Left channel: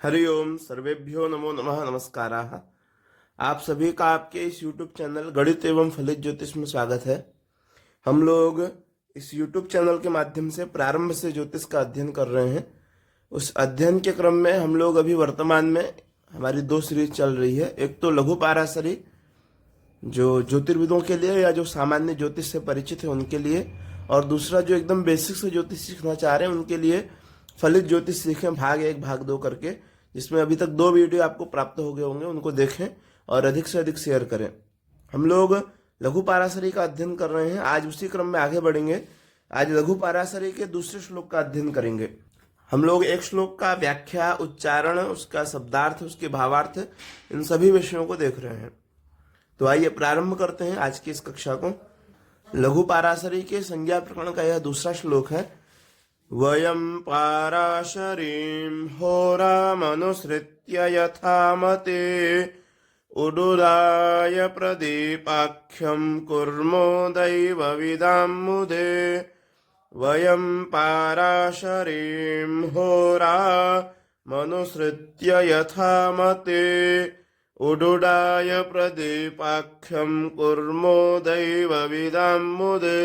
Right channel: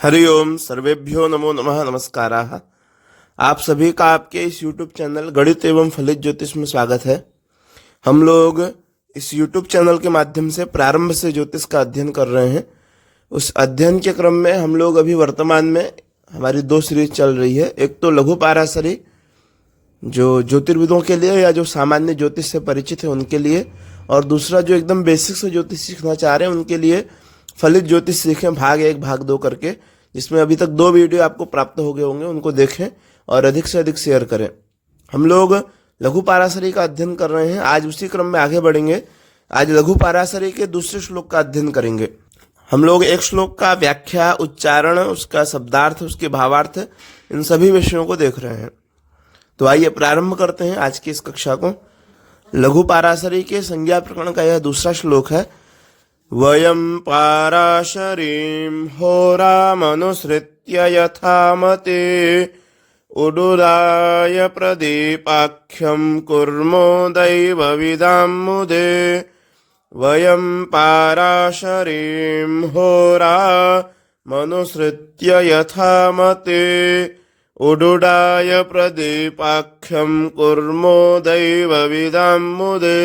हरि ओम सर्वेभ्यो नमो नमः नमस्काराः। आप सभी का आपके इस YouTube चैनल गणित एवं फलित ज्योतिष में स्वागत है। हम लोग इस YouTube चैनल के माध्यम से प्रारंभ से ज्योतिष का अध्ययन कर रहे हैं। उस अध्ययन के क्रम में हम लोग अभी वर्तमान में हमारी दो सीरीज चल रही है। एक तो लघु पाराशरी, जो ज्योतिर्विदों के लिए या जो सामान्य ज्योतिष से परिचित है उनके लिए, और दूसरा जो एकदम बेसिक से ज्योतिष सीखना चाह रहे हैं उनके लिए फलित ज्योतिष सीखें भाग 1 भाग 2 करके, जिसमें अभी तक 2 वीडियो आपको प्राप्त हो गए होंगे। उनको देखें और अधिक से अधिक शेयर करें। हम लोग लघु पाराशरी का अध्ययन कर रहे हैं, आज उसी क्रम में आगे बढ़ेंगे। आज लघु पाराशरी के दूसरे श्लोक का अध्ययन करेंगे। हम लोग एक श्लोक का व्याख्या, उच्चारण, उसका शब्दार्थ, उसके भावार्थ, इन सभी विषयों को देख रहे हैं। तो आइए प्रारंभ करते हैं आज की इस कक्षा को। लघु पाराशरी के संज्ञा प्रकरण का यह दूसरा श्लोक है। वयं पाराशरीं होरामनुसृत्य यथामते उडुराय प्रदीपाख्यं कुर्मो दैवविदां मुदे। वयं पाराशरीं होरामनुसृत्य यथामते उडुडाय प्रदीपाख्यं कुर्मो दैवविदां मुदे।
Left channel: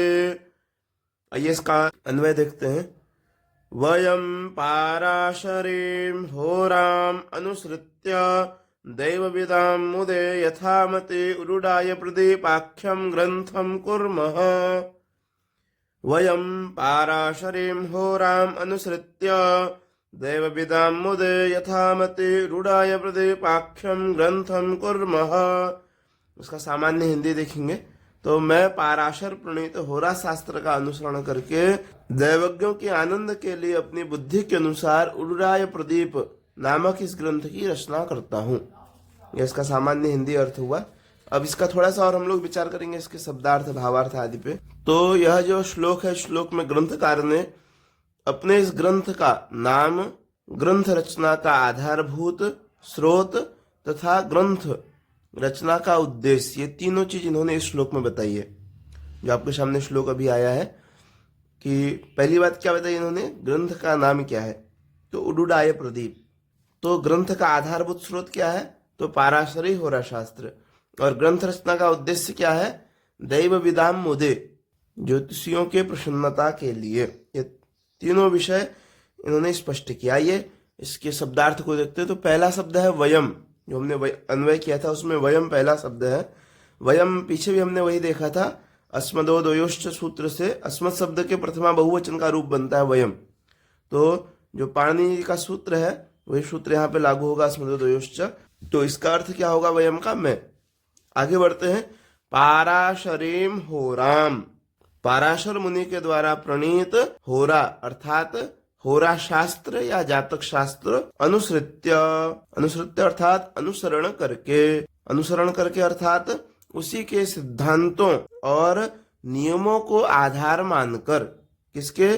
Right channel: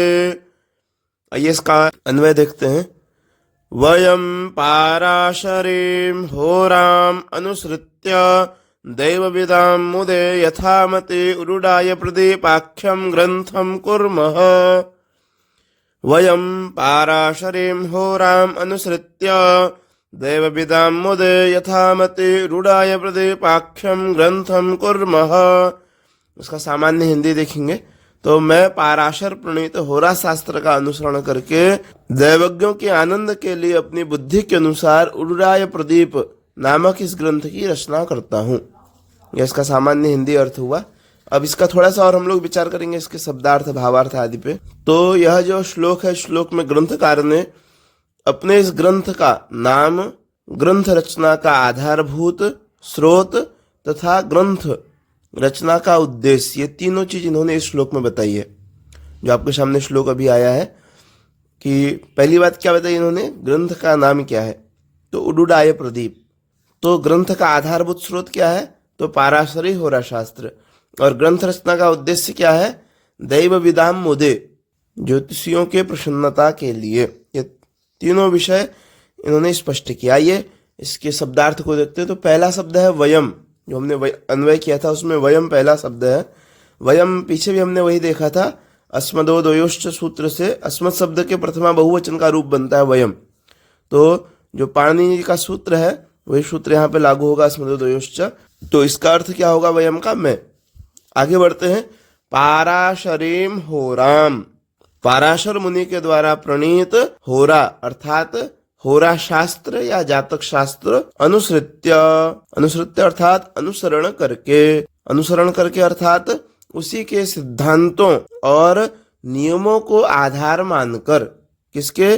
आइए इसका अन्वय देखते हैं। वयं पाराशरीं होराम अनुसृत्य दैवविदां मुदे यथामते उडुडाय प्रदीपाख्यं ग्रंथं कुर्मः। वयं पाराशरीं होराम अनुसृत्य दैवविदां मुदे यथामते उडुडाय प्रदीपाख्यं ग्रंथं कुर्मः। उसका सामान्य हिंदी देखेंगे तो मैं पाराशर प्रणीत होरा शास्त्र का अनुसरण करके दैवज्ञों के आनंद के लिए अपनी बुद्धि के अनुसार उडुराय प्रदीप नामक इस ग्रंथ की रचना करता हूँ। यह इसका सामान्य हिंदी अर्थ हुआ। अब इसका थोड़ा सा और हम लोग विचार करेंगे, इसके शब्दार्थ, भावार्थ आदि पे। तो यह जो श्लोक है, श्लोक में ग्रंथकार ने अपने इस ग्रंथ का नाम, ग्रंथ रचना का आधारभूत, स्रोत तथा ग्रंथ रचना का उद्देश्य, ये तीनों चीज इन्होंने इस श्लोक में बताई है। जो आपके सामने श्लोक अभी आया है कि पहली बात क्या बताई इन्होंने, ग्रंथ का नाम क्या है, तो उडुडाय प्रदीप। तो ग्रंथ का आधारभूत स्रोत क्या है, तो पाराशरी होरा शास्त्र। और ग्रंथ रचना का उद्देश्य क्या है, दैव विदाम मुदे, ज्योतिषियों के प्रसन्नता के लिए। ये तीनों विषय इन्होंने स्पष्ट किया। ये इसके शब्दार्थ को देखते हैं। तो पहला शब्द है वयम, जो हमने अन्वय किया था उसमें वयम पहला शब्द है। वयम पीछे भी हमने वही देखा था, अस्मदो द्वयोश्च सूत्र से अस्मत् शब्द के प्रथमा बहुवचन का रूप बनता है वयम। तो जो पाणिनि का सूत्र है वही सूत्र यहाँ पे लागू होगा, अस्मदो द्वयोश्च। तो इसका अर्थ क्या होगा वयम का, मैं। आगे बढ़ते हैं। पाराशरीं होराम, पाराशर मुनि के द्वारा प्रणीत होरा अर्थात होरा शास्त्र या जातक शास्त्र, अनुसृत्य, अनुसृत्य अर्थात अनुसरण करके, अनुसरण करके अर्थात उसी के सिद्धांतों और नियमों को आधार मानकर, किसके,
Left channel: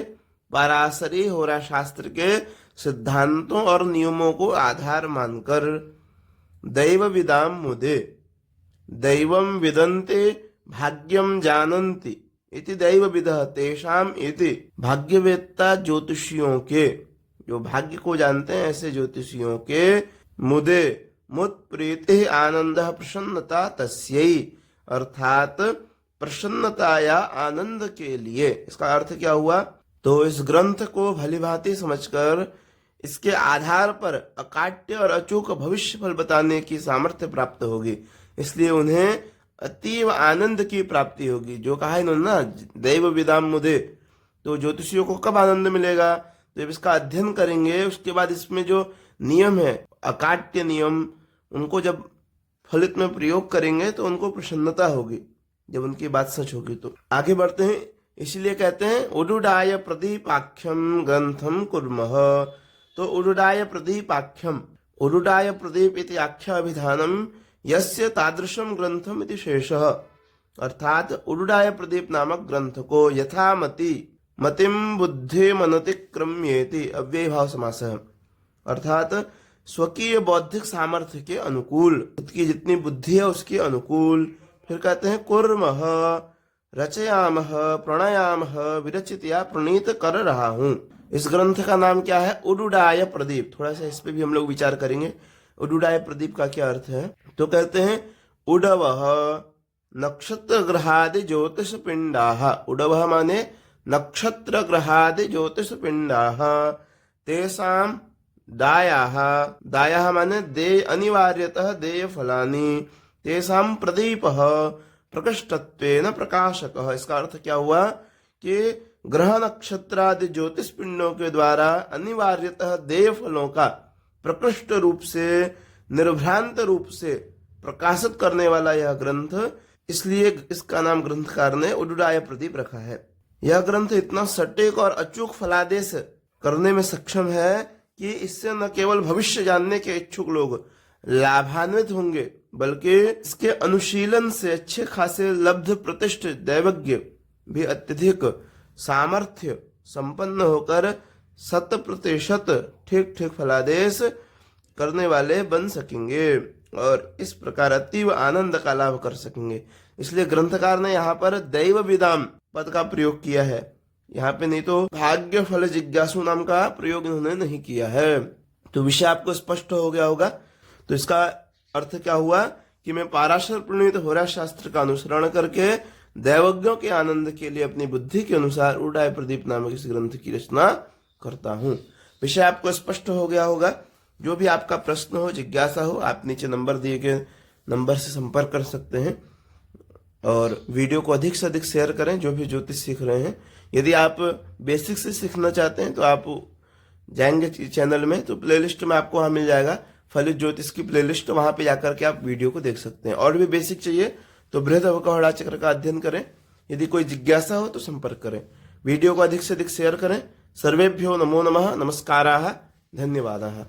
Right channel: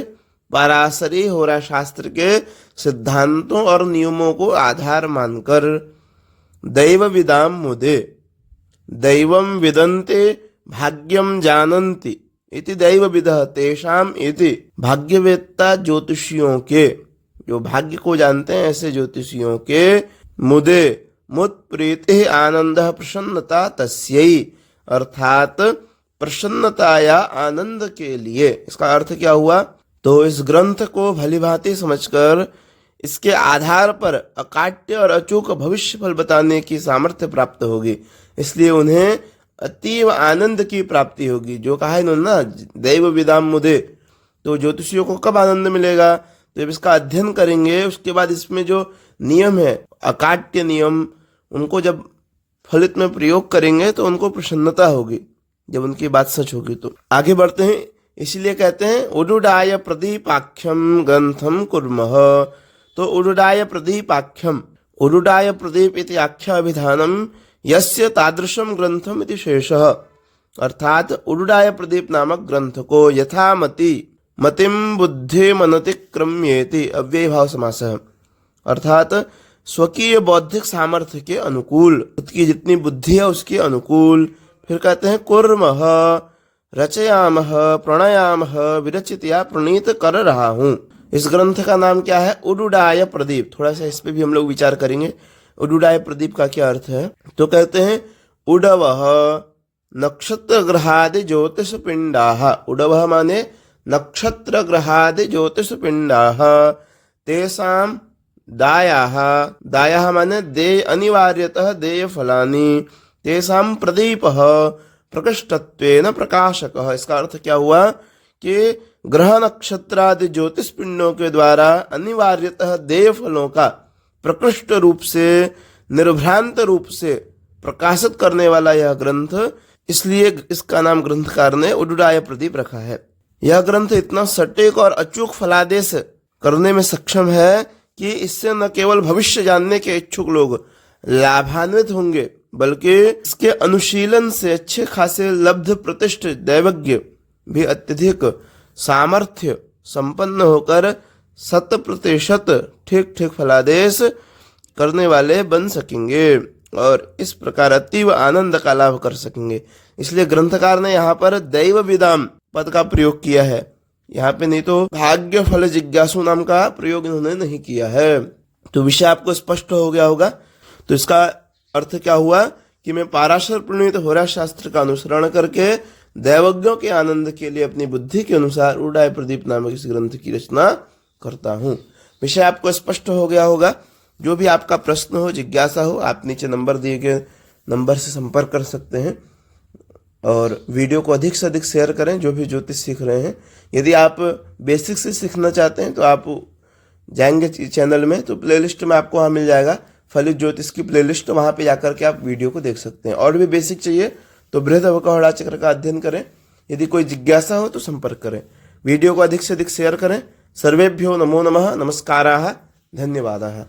पाराशरी होरा शास्त्र के सिद्धांतों और नियमों को आधार मानकर, दैव विदाम मुदे, दैवं विदन्ते भाग्यम जानन्ति इति दैव विदः तेषाम इति, भाग्यवेत्ता ज्योतिषियों के, जो भाग्य को जानते हैं ऐसे ज्योतिषियों के, मुदे, मुद प्रीति आनंद प्रसन्नता तस्यै, अर्थात प्रसन्नता या आनंद के लिए। इसका अर्थ क्या हुआ, तो इस ग्रंथ को भलीभांति समझकर इसके आधार पर अकाट्य और अचूक भविष्य फल बताने की सामर्थ्य प्राप्त होगी। इसलिए उन्हें अतीव आनंद की प्राप्ति होगी। जो कहा इन्होंने ना, दैव विदाम मुदे, तो ज्योतिषियों को कब आनंद मिलेगा, जब इसका अध्ययन करेंगे। उसके बाद इसमें जो नियम है, अकाट्य नियम, उनको जब फलित में प्रयोग करेंगे तो उनको प्रसन्नता होगी, जब उनकी बात सच होगी। तो आगे बढ़ते हैं। इसलिए कहते हैं उडुडाय प्रदीपाख्यम ग्रंथम कुर्मः। तो उडुडाय प्रदीपाख्यम, उडुडाय प्रदीप इति आख्या अभिधानम यस्य तादृशम ग्रंथम इति शेषः, अर्थात उडुडाय प्रदीप नामक ग्रंथ को यथामति, मतिम बुद्धि मनतिक्रम्येति, अव्यय भाव समास है, अर्थात स्वकीय बौद्धिक सामर्थ्य के अनुकूल, खुद की जितनी बुद्धि है उसके अनुकूल। फिर कहते हैं कुर्मः, रचयामः, प्रणयामः, विरचित या प्रणीत कर रहा हूँ। इस ग्रंथ का नाम क्या है? उडुडाय प्रदीप। थोड़ा सा इस पे भी हम लोग विचार करेंगे। उडुडाय प्रदीप का क्या अर्थ है? तो कहते हैं उडवः नक्षत्र ग्रहादि ज्योतिष पिंडाः। उडवः माने नक्षत्र ग्रहादि ज्योतिष पिंडाः तेषां दायाः। दायाः माने देय अनिवार्यतः देय फलानि तेषां प्रदीपः प्रकृष्टत्वेन प्रकाशकः। इसका अर्थ क्या हुआ कि ग्रह नक्षत्रादि ज्योतिष पिंडों के द्वारा अनिवार्यतः देय फलों का प्रकृष्ट रूप से, निर्भ्रांत रूप से प्रकाशित करने वाला यह ग्रंथ, इसलिए इसका नाम ग्रंथकार ने उडुडाय प्रदीप रखा है। यह ग्रंथ इतना सटीक और अचूक फलादेश करने में सक्षम है कि इससे न केवल भविष्य जानने के इच्छुक लोग लाभान्वित होंगे, बल्कि इसके अनुशीलन से अच्छे खासे लब्ध प्रतिष्ठित दैवज्ञ भी अत्यधिक सामर्थ्य संपन्न होकर 100% ठीक ठीक फलादेश करने वाले बन सकेंगे और इस प्रकार अतीव आनंद का लाभ कर सकेंगे। इसलिए ग्रंथकार ने यहाँ पर दैव विदाम पद का प्रयोग किया है। यहाँ पे नहीं तो भाग्य फल जिज्ञासु नाम का प्रयोग इन्होंने नहीं किया है। तो विषय आपको स्पष्ट हो गया होगा। तो इसका अर्थ क्या हुआ कि मैं पाराशर प्रणीत होरा शास्त्र का अनुसरण करके दैवज्ञों के आनंद के लिए अपनी बुद्धि के अनुसार उडुडाय प्रदीप नामक इस ग्रंथ की रचना करता हूँ। विषय आपको स्पष्ट हो गया होगा। जो भी आपका प्रश्न हो, जिज्ञासा हो, आप नीचे नंबर दिए गए नंबर से संपर्क कर सकते हैं और वीडियो को अधिक से अधिक शेयर करें जो भी ज्योतिष सीख रहे हैं। यदि आप बेसिक से सीखना चाहते हैं तो आप जाएंगे चैनल में तो प्लेलिस्ट में आपको वहाँ मिल जाएगा फलित ज्योतिष की प्लेलिस्ट, वहाँ पे जाकर के आप वीडियो को देख सकते हैं। और भी बेसिक चाहिए तो बृहदवकहोड़ा चक्र का अध्ययन करें। यदि कोई जिज्ञासा हो तो संपर्क करें। वीडियो को अधिक से अधिक शेयर करें। सर्वेभ्यो नमो नमः। नमस्काराः। धन्यवादाः।